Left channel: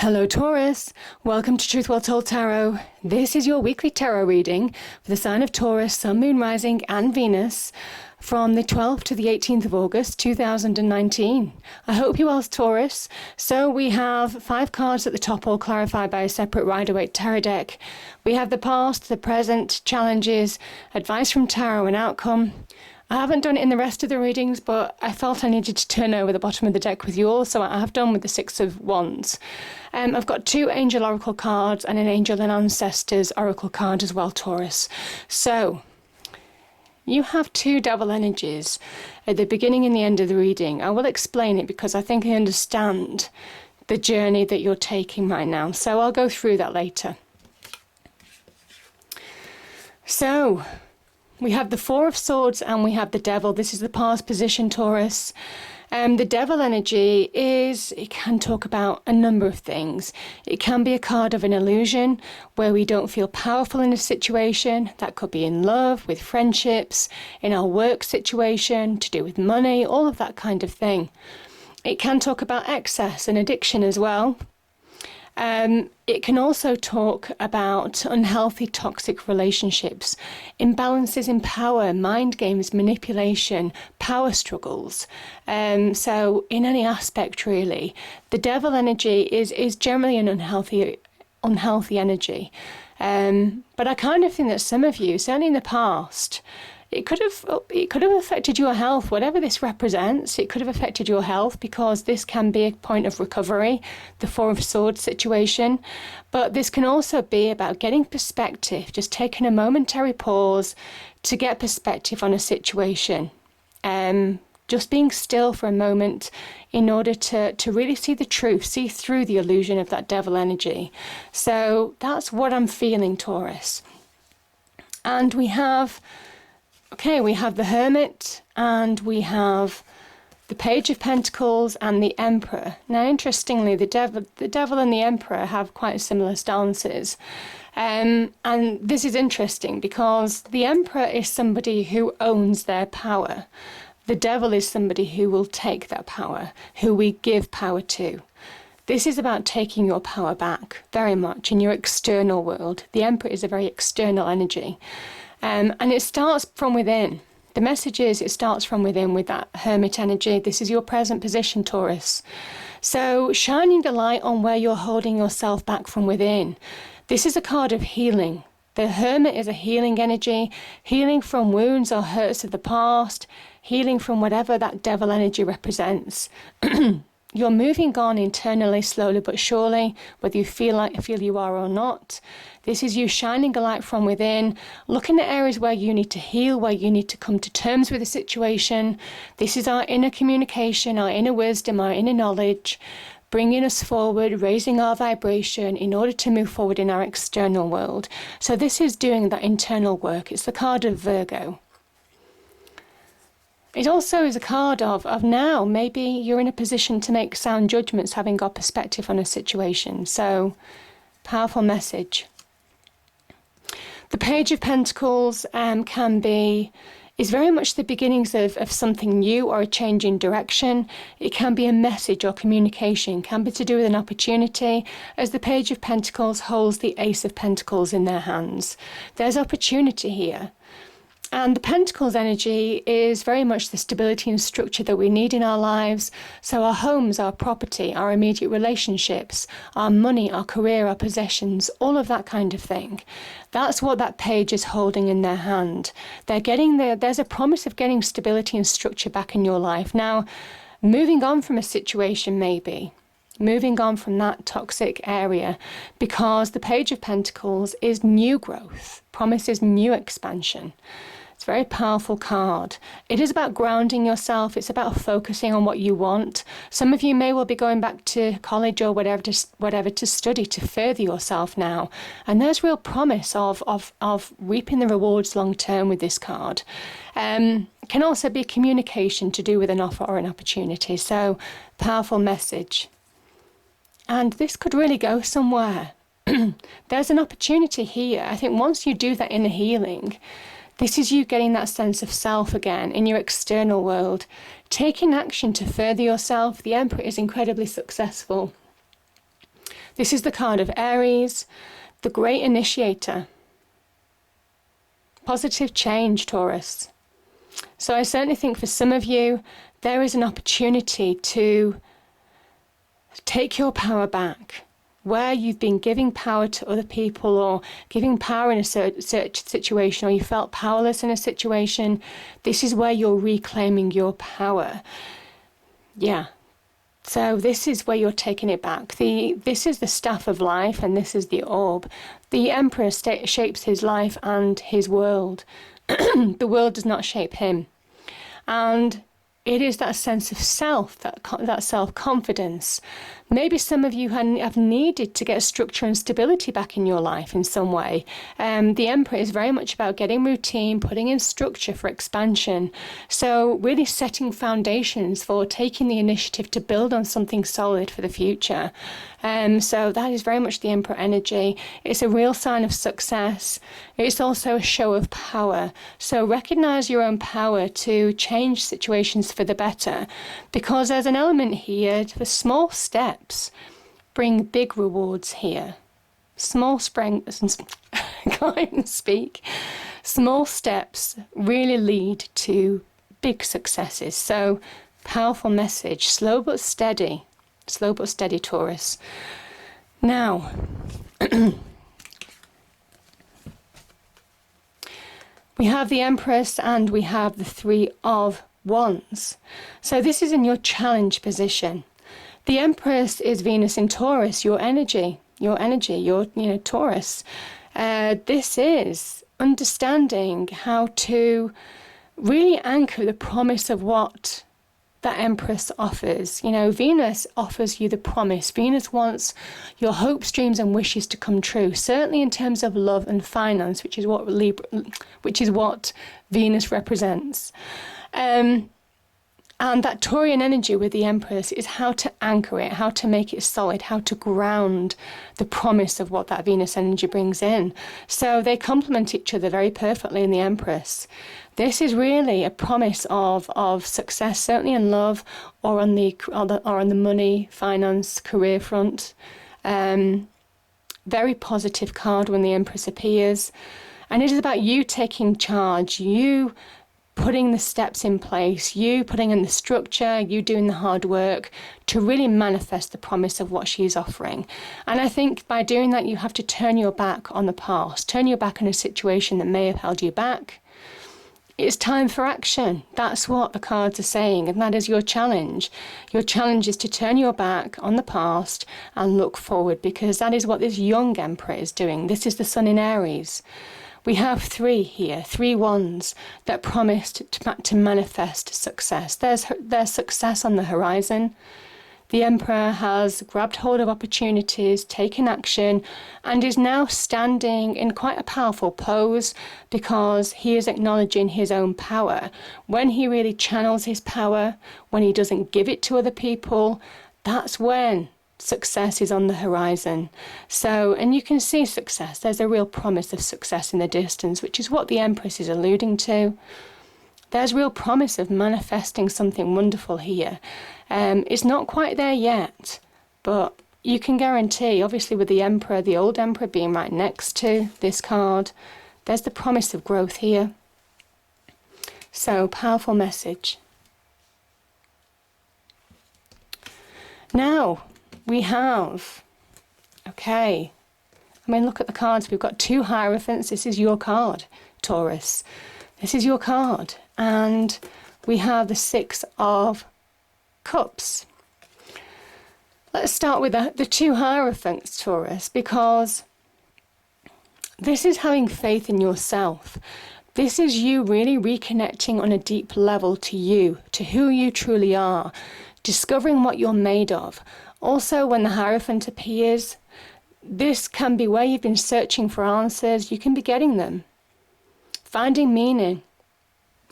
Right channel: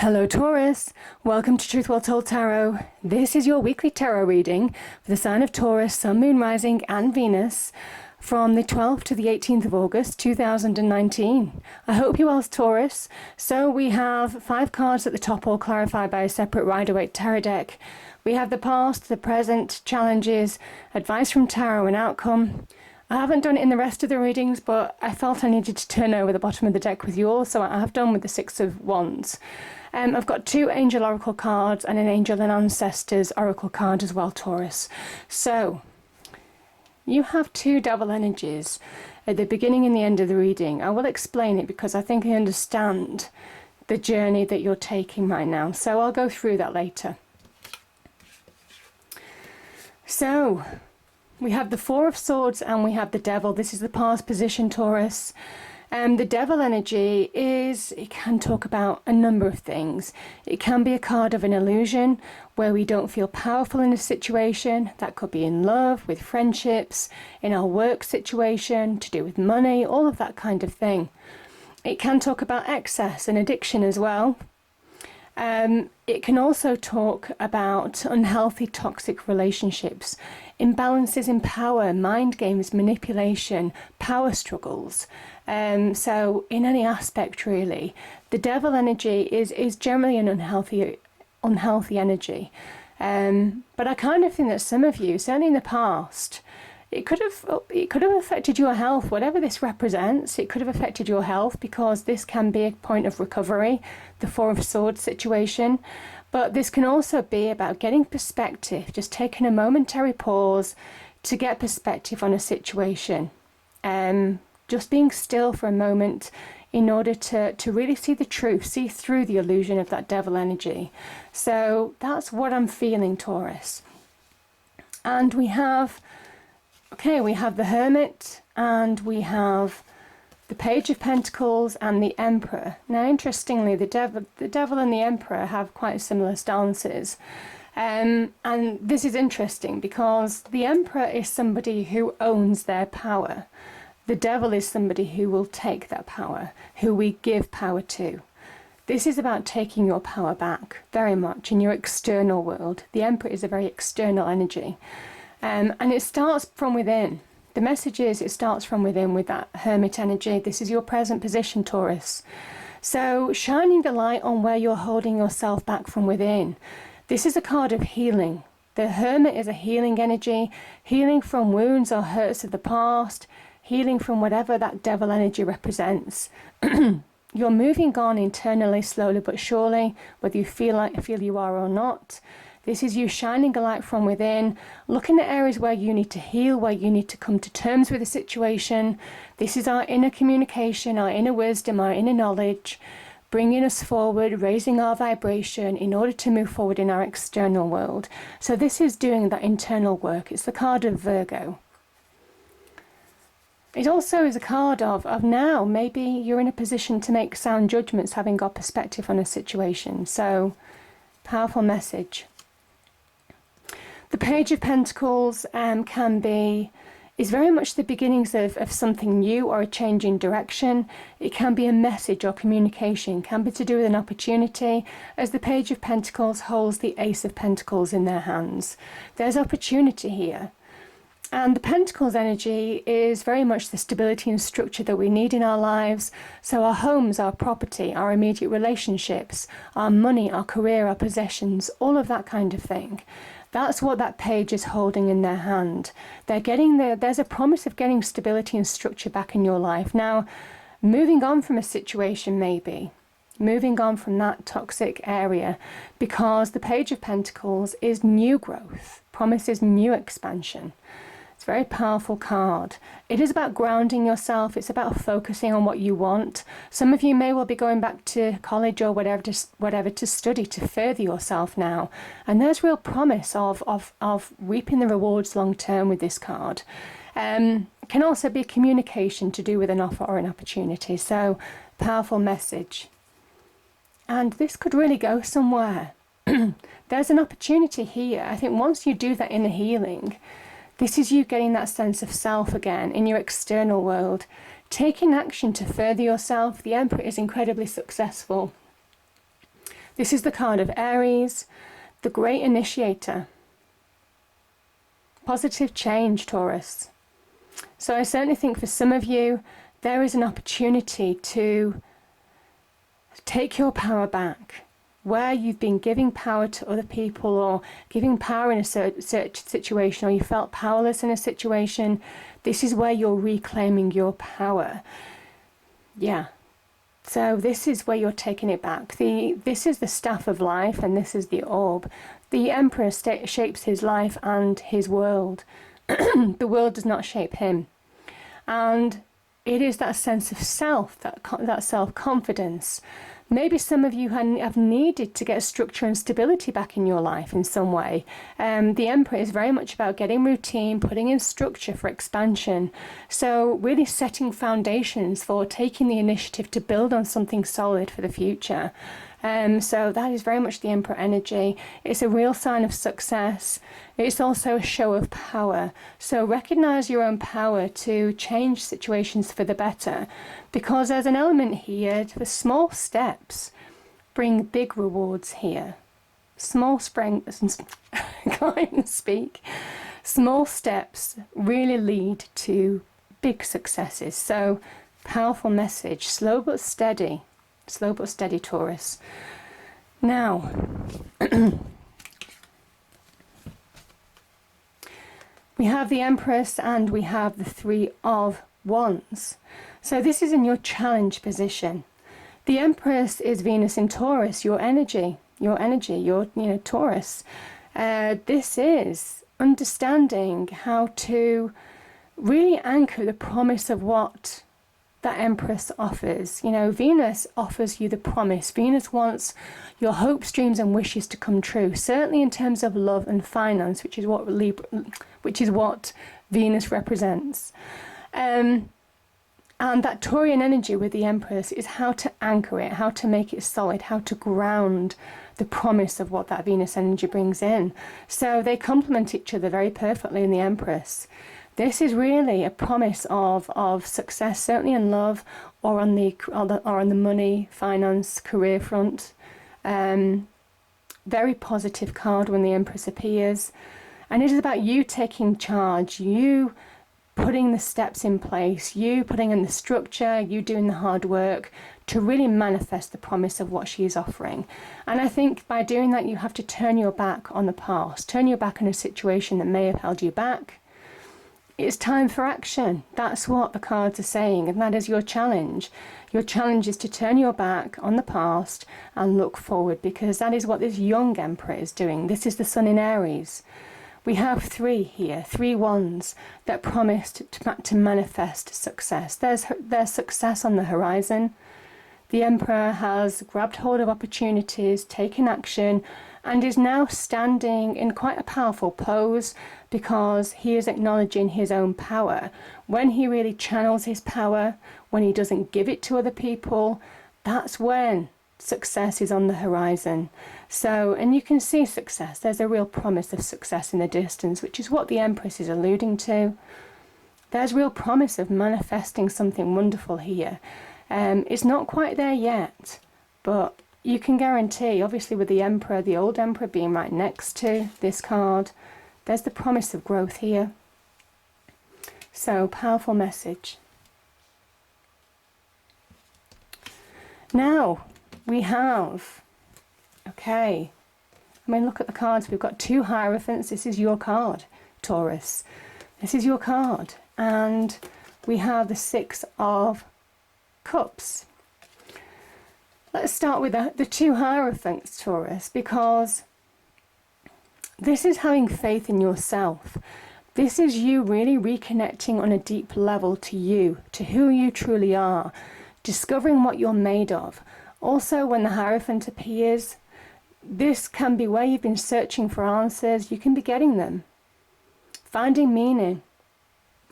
Hello Taurus, welcome to Truth Well Told Tarot. This is your weekly tarot reading for the sign of Taurus, Sun, Moon, Rising and Venus from the 12th to the 18th of August 2019. I hope you're well, Taurus. So we have 5 cards at the top, all clarified by a separate Rider-Waite tarot deck. We have the past, the present, challenges, advice from tarot and outcome. I haven't done it in the rest of the readings, but I felt I needed to turn over the bottom of the deck with you all, so I have done with the 6 of Wands. I've got 2 Angel Oracle cards and an Angel and Ancestors Oracle card as well, Taurus. So, you have 2 Devil energies at the beginning and the end of the reading. I will explain it because I think I understand the journey that you're taking right now. So I'll go through that later. So, we have the 4 of Swords and we have the Devil. This is the past position, Taurus. The Devil energy it can talk about a number of things. It can be a card of an illusion where we don't feel powerful in a situation. That could be in love, with friendships, in our work situation, to do with money, all of that kind of thing. It can talk about excess and addiction as well. It can also talk about unhealthy, toxic relationships, imbalances in power, mind games, manipulation, power struggles. So in any aspect, really, the Devil energy is generally an unhealthy energy. But I kind of think that some of you, certainly in the past, it could have affected your health, whatever this represents. It could have affected your health because this can be a point of recovery, the 4 of Swords situation. But this can also be about getting perspective, just taking a momentary pause to get perspective on a situation. Just being still for a moment in order to really see the truth, see through the illusion of that Devil energy. So that's what I'm feeling, Taurus. And we have the Hermit and we have the Page of Pentacles and the Emperor. Now, interestingly, the Devil and the Emperor have quite similar stances. And this is interesting because the Emperor is somebody who owns their power. The Devil is somebody who will take that power, who we give power to. This is about taking your power back, very much, in your external world. The Emperor is a very external energy. And it starts from within. The message is it starts from within with that Hermit energy. This is your present position, Taurus. So shining the light on where you're holding yourself back from within. This is a card of healing. The Hermit is a healing energy, healing from wounds or hurts of the past, healing from whatever that Devil energy represents. You're moving on internally, slowly but surely, whether you feel you are or not. This is you shining a light from within, looking at areas where you need to heal, where you need to come to terms with a situation. This is our inner communication, our inner wisdom, our inner knowledge, bringing us forward, raising our vibration in order to move forward in our external world. So this is doing that internal work. It's the card of Virgo. It also is a card of now, maybe you're in a position to make sound judgments, having got perspective on a situation. So, powerful message. The Page of Pentacles is very much the beginnings of something new or a change in direction. It can be a message or communication, can be to do with an opportunity, as the Page of Pentacles holds the Ace of Pentacles in their hands. There's opportunity here. And the Pentacles energy is very much the stability and structure that we need in our lives. So our homes, our property, our immediate relationships, our money, our career, our possessions, all of that kind of thing. That's what that page is holding in their hand. There's a promise of getting stability and structure back in your life. Now, moving on from a situation maybe. Moving on from that toxic area, because the Page of Pentacles is new growth, promises new expansion. It's a very powerful card. It is about grounding yourself. It's about focusing on what you want. Some of you may well be going back to college or whatever to study, to further yourself now. And there's real promise of reaping the rewards long term with this card. Can also be communication to do with an offer or an opportunity. So, powerful message. And this could really go somewhere. There's an opportunity here. I think once you do that inner healing, this is you getting that sense of self again in your external world, taking action to further yourself. The Emperor is incredibly successful. This is the card of Aries, the great initiator. Positive change, Taurus. So I certainly think for some of you, there is an opportunity to take your power back. Where you've been giving power to other people or giving power in a certain situation, or you felt powerless in a situation, this is where you're reclaiming your power. Yeah. So this is where you're taking it back. This is the staff of life, and this is the orb. The Emperor shapes his life and his world. The world does not shape him. And it is that sense of self, that self-confidence. Maybe some of you have needed to get structure and stability back in your life in some way. The Emperor is very much about getting routine, putting in structure for expansion. So really setting foundations for taking the initiative to build on something solid for the future. So that is very much the Emperor energy. It's a real sign of success. It's also a show of power. So recognize your own power to change situations for the better, because there's an element here for small steps bring big rewards here. Small can't even speak. Small steps really lead to big successes. So powerful message, slow but steady. Slow but steady, Taurus. Now, we have the Empress and we have the Three of Wands. So this is in your challenge position. The Empress is Venus in Taurus, your energy, Taurus. This is understanding how to really anchor the promise of what that Empress offers. Venus offers you the promise. Venus wants your hopes, dreams and wishes to come true, certainly in terms of love and finance, which is what Venus represents. And that Taurian energy with the Empress is how to anchor it, how to make it solid, how to ground the promise of what that Venus energy brings in. So they complement each other very perfectly in the Empress. This is really a promise of success, certainly in love or on the money, finance, career front. Very positive card when the Empress appears. And it is about you taking charge, you putting the steps in place, you putting in the structure, you doing the hard work to really manifest the promise of what she is offering. And I think by doing that, you have to turn your back on the past, turn your back on a situation that may have held you back. It's time for action. That's what the cards are saying, and that is your challenge. Your challenge is to turn your back on the past and look forward, because that is what this young Emperor is doing. This is the Sun in Aries. We have three here, 3 wands that promised to manifest success. There's success on the horizon. The Emperor has grabbed hold of opportunities, taken action, and is now standing in quite a powerful pose because he is acknowledging his own power. When he really channels his power, when he doesn't give it to other people, that's when success is on the horizon. So, and you can see success. There's a real promise of success in the distance, which is what the Empress is alluding to. There's real promise of manifesting something wonderful here. It's not quite there yet, but you can guarantee, obviously with the Emperor, the old Emperor being right next to this card, there's the promise of growth here. So, powerful message. Now, we have, look at the cards. We've got 2 Hierophants. This is your card, Taurus. This is your card. And we have the 6 of Cups. Let's start with the 2 Hierophants, Taurus, because this is having faith in yourself. This is you really reconnecting on a deep level to you, to who you truly are, discovering what you're made of. Also, when the Hierophant appears, this can be where you've been searching for answers. You can be getting them. Finding meaning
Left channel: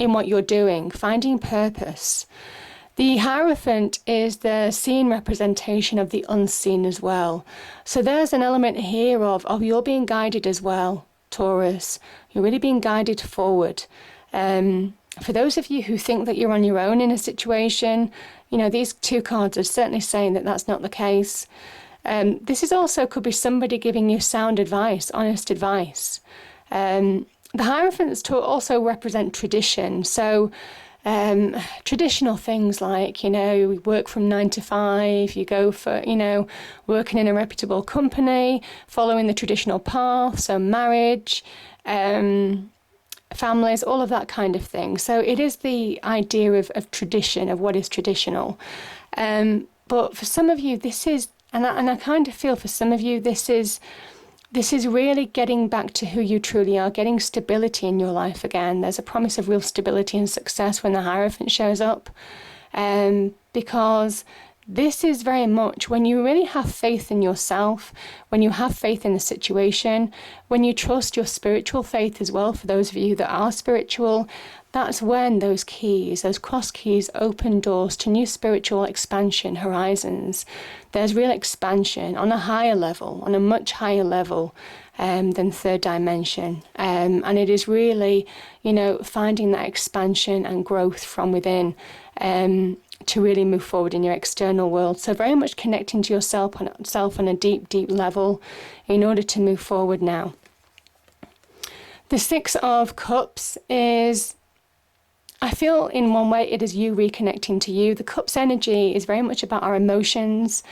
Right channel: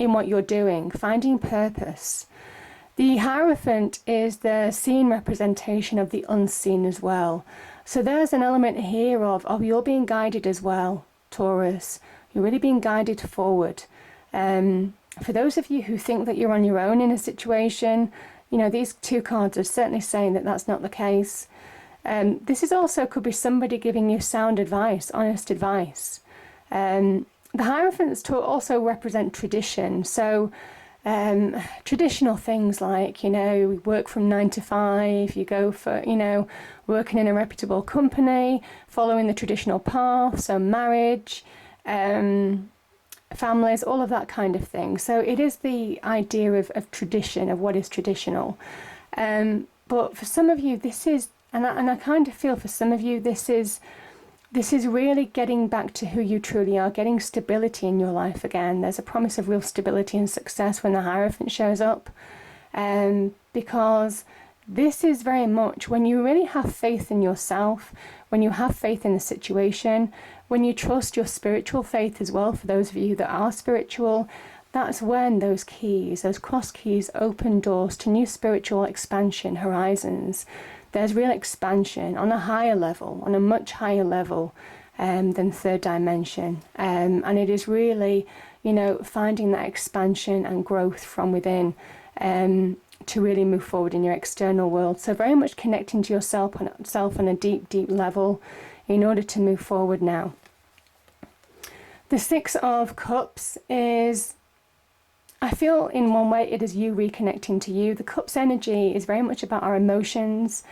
in what you're doing, finding purpose. The Hierophant is the seen representation of the unseen as well. So there's an element here of you're being guided as well, Taurus. You're really being guided forward. For those of you who think that you're on your own in a situation, these 2 cards are certainly saying that that's not the case. This is also could be somebody giving you sound advice, honest advice. The Hierophants also represent tradition. So traditional things like, work from 9 to 5, you go for, working in a reputable company, following the traditional path, so marriage, families, all of that kind of thing. So it is the idea of tradition, of what is traditional. But for some of you, this is, and I kind of feel for some of you, this is really getting back to who you truly are, getting stability in your life again. There's a promise of real stability and success when the Hierophant shows up. Because this is very much when you really have faith in yourself, when you have faith in the situation, when you trust your spiritual faith as well, for those of you that are spiritual, that's when those keys, those cross keys, open doors to new spiritual expansion, horizons. There's real expansion on a higher level, on a much higher level than third dimension. And it is really, finding that expansion and growth from within to really move forward in your external world. So very much connecting to yourself on a deep, deep level in order to move forward now. The Six of Cups is, I feel in one way it is you reconnecting to you. The Cups energy is very much about our emotions,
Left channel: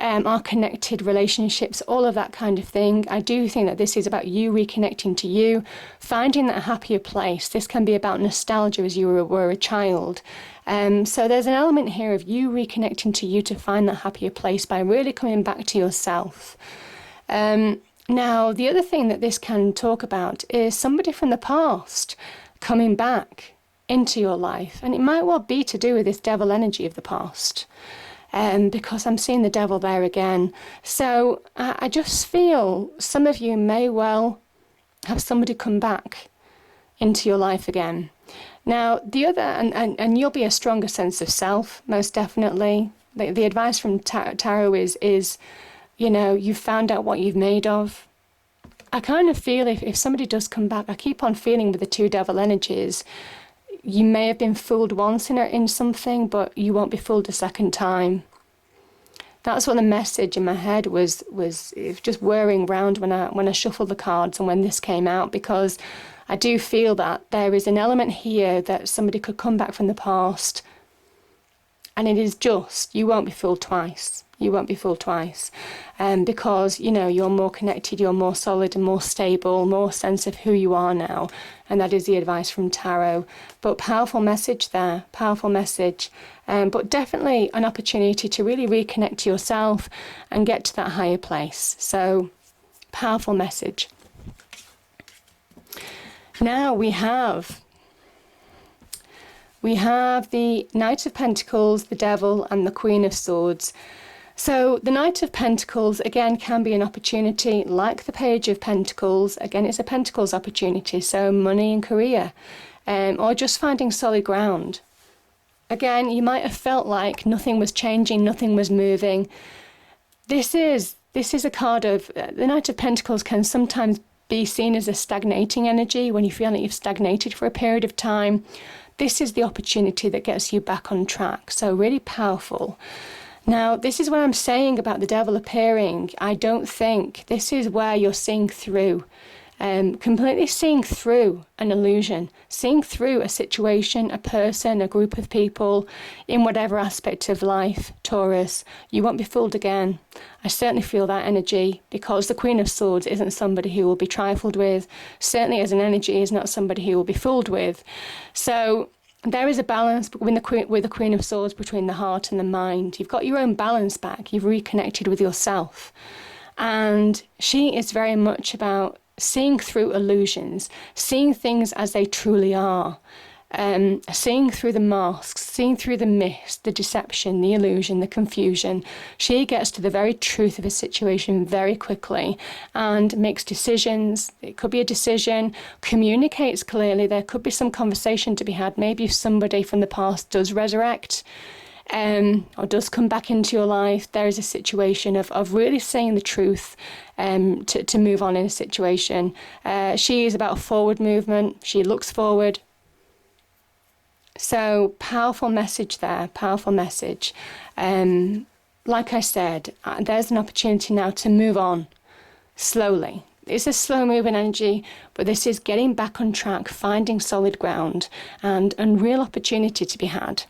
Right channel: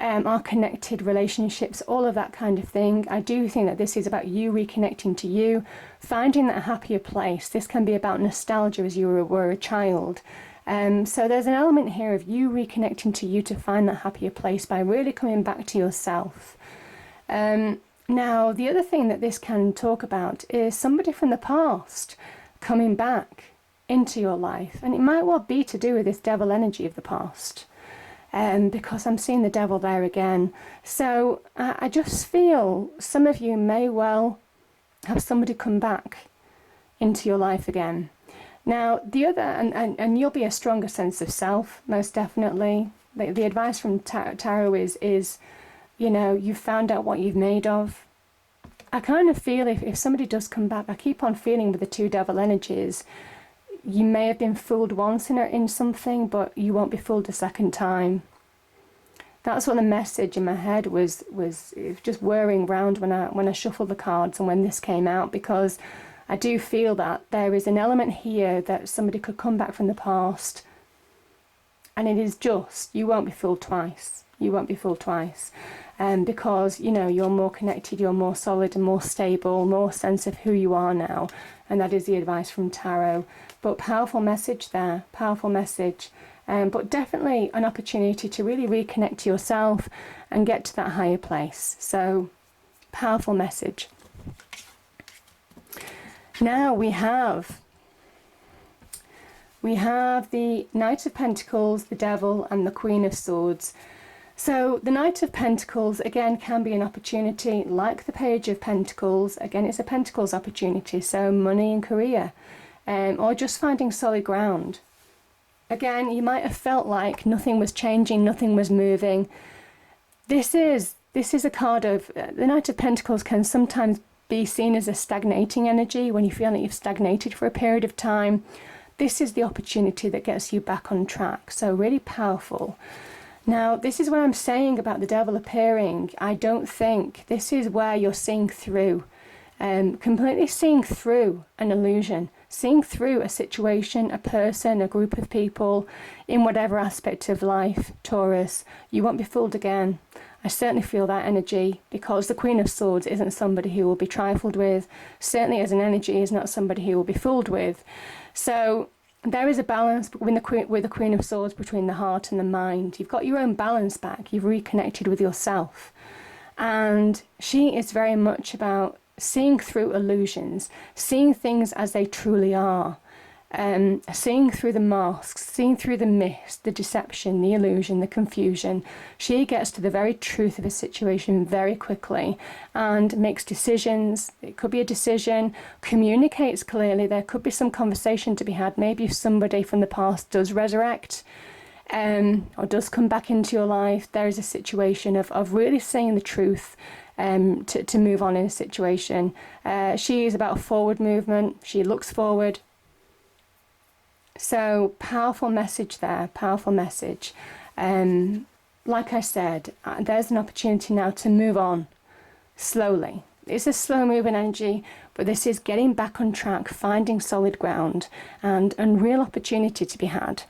our connected relationships, all of that kind of thing. I do think that this is about you reconnecting to you, finding that happier place. This can be about nostalgia as you were a child. So there's an element here of you reconnecting to you to find that happier place by really coming back to yourself. Now, the other thing that this can talk about is somebody from the past coming back into your life, and it might well be to do with this devil energy of the past, because I'm seeing the devil there again. So I just feel some of you may well have somebody come back into your life again. Now the other, and you'll be a stronger sense of self, most definitely. The advice from tarot is you've found out what you've made of. I kind of feel if somebody does come back, I keep on feeling with the two devil energies, you may have been fooled once in something, but you won't be fooled a second time. That's what the message in my head was just whirring round when I shuffled the cards and when this came out, because I do feel that there is an element here that somebody could come back from the past, and it is just, you won't be fooled twice. You won't be fooled twice. Because, you're more connected, you're more solid and more stable, more sense of who you are now. And that is the advice from tarot. But powerful message there, powerful message. But definitely an opportunity to really reconnect to yourself and get to that higher place. So, powerful message. Now we have the Knight of Pentacles, the Devil, and the Queen of Swords. So the Knight of Pentacles, again, can be an opportunity, like the Page of Pentacles. Again, it's a Pentacles opportunity, so money and career, or just finding solid ground. Again, you might have felt like nothing was changing, nothing was moving. This is a card of, the Knight of Pentacles can sometimes be seen as a stagnating energy when you feel like you've stagnated for a period of time. This is the opportunity that gets you back on track, so really powerful. Now, this is what I'm saying about the devil appearing. I don't think this is where you're seeing through, completely seeing through an illusion, seeing through a situation, a person, a group of people, in whatever aspect of life, Taurus. You won't be fooled again. I certainly feel that energy, because the Queen of Swords isn't somebody who will be trifled with. Certainly as an energy is not somebody who will be fooled with. So there is a balance with the Queen of Swords between the heart and the mind. You've got your own balance back. You've reconnected with yourself. And she is very much about seeing through illusions, seeing things as they truly are, seeing through the masks, seeing through the mist, the deception, the illusion, the confusion. She gets to the very truth of a situation very quickly and makes decisions. It could be a decision, communicates clearly. There could be some conversation to be had. Maybe if somebody from the past does resurrect, or does come back into your life, there is a situation of really saying the truth to move on in a situation. She is about forward movement. She looks forward. So powerful message there, powerful message. like I said, there's an opportunity now to move on slowly. It's a slow moving energy, but this is getting back on track, finding solid ground, and real opportunity to be had.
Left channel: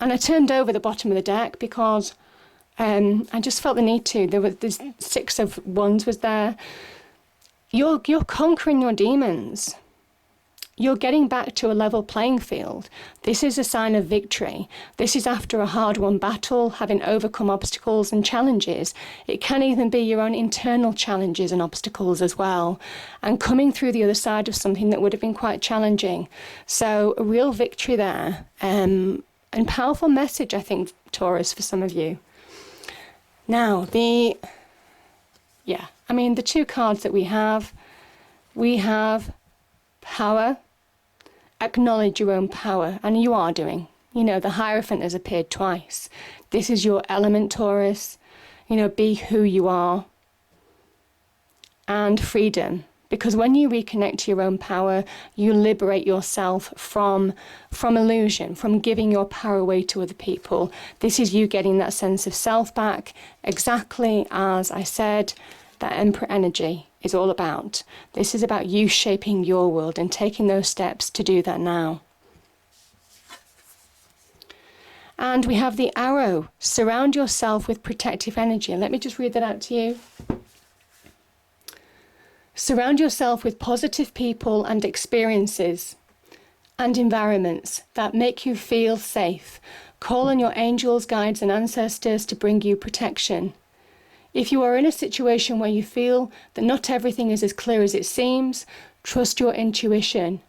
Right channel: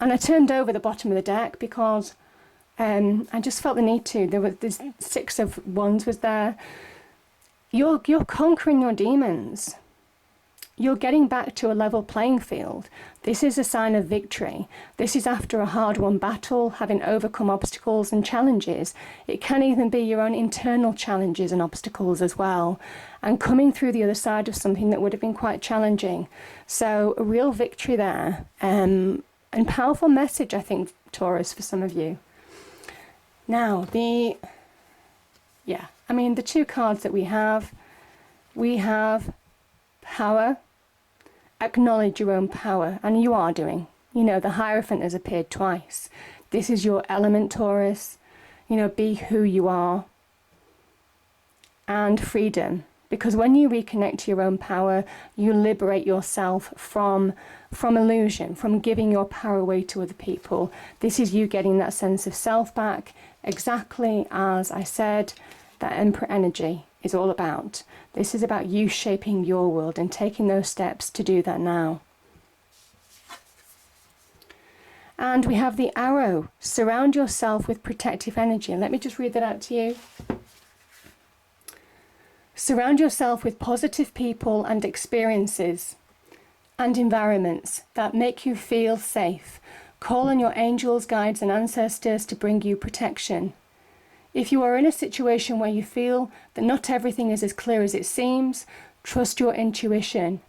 And I turned over the bottom of the deck because I just felt the need to. There's 6 of Wands was there. You're conquering your demons. You're getting back to a level playing field. This is a sign of victory. This is after a hard-won battle, having overcome obstacles and challenges. It can even be your own internal challenges and obstacles as well, and coming through the other side of something that would have been quite challenging. So a real victory there, and powerful message, I think, Taurus, for some of you. Now, the 2 cards that we have power. Acknowledge your own power, and you are doing. The Hierophant has appeared twice. This is your element, Taurus. Be who you are. And freedom, because when you reconnect to your own power, you liberate yourself from illusion, from giving your power away to other people. This is you getting that sense of self back, exactly as I said, that Emperor energy is all about. This is about you shaping your world and taking those steps to do that now. And we have the Arrow. Surround yourself with protective energy. Let me just read that out to you. Surround yourself with positive people and experiences and environments that make you feel safe. Call on your angels, guides, and ancestors to bring you protection. If you are in a situation where you feel that not everything is as clear as it seems, trust your intuition.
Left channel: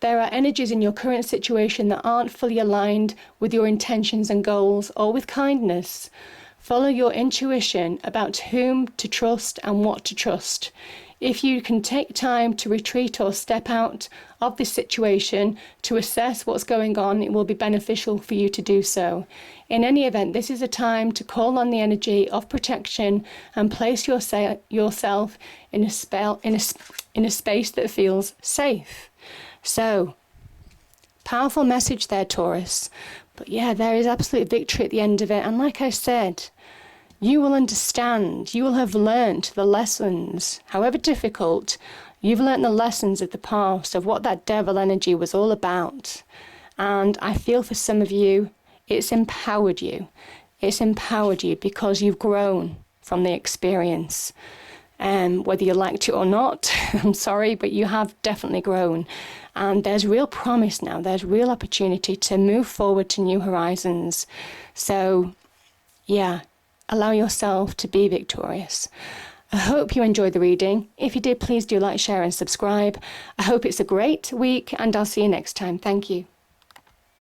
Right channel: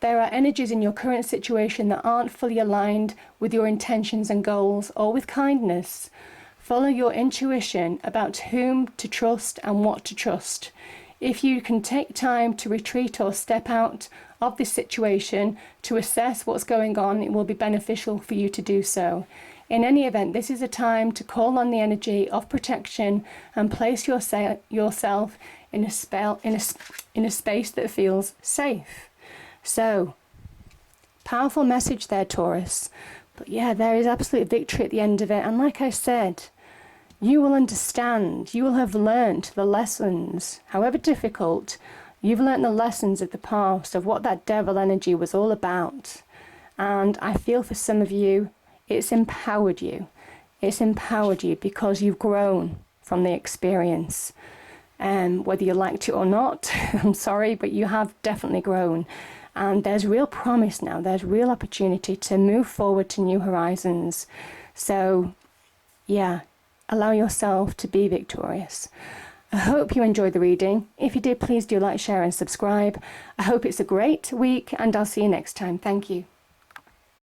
There are energies in your current situation that aren't fully aligned with your intentions and goals or with kindness. Follow your intuition about whom to trust and what to trust. If you can take time to retreat or step out of this situation to assess what's going on, it will be beneficial for you to do so. In any event, this is a time to call on the energy of protection and place yourself in a space that feels safe. So, powerful message there, Taurus. But yeah, there is absolute victory at the end of it. And like I said, you will understand, you will have learnt the lessons, however difficult, you've learnt the lessons of the past, of what that devil energy was all about. And I feel for some of you, it's empowered you. It's empowered you because you've grown from the experience. Whether you liked it or not, I'm sorry, but you have definitely grown. And there's real promise now. There's real opportunity to move forward to new horizons. So, yeah, allow yourself to be victorious. I hope you enjoyed the reading. If you did, please do like, share and subscribe. I hope it's a great week and I'll see you next time. Thank you.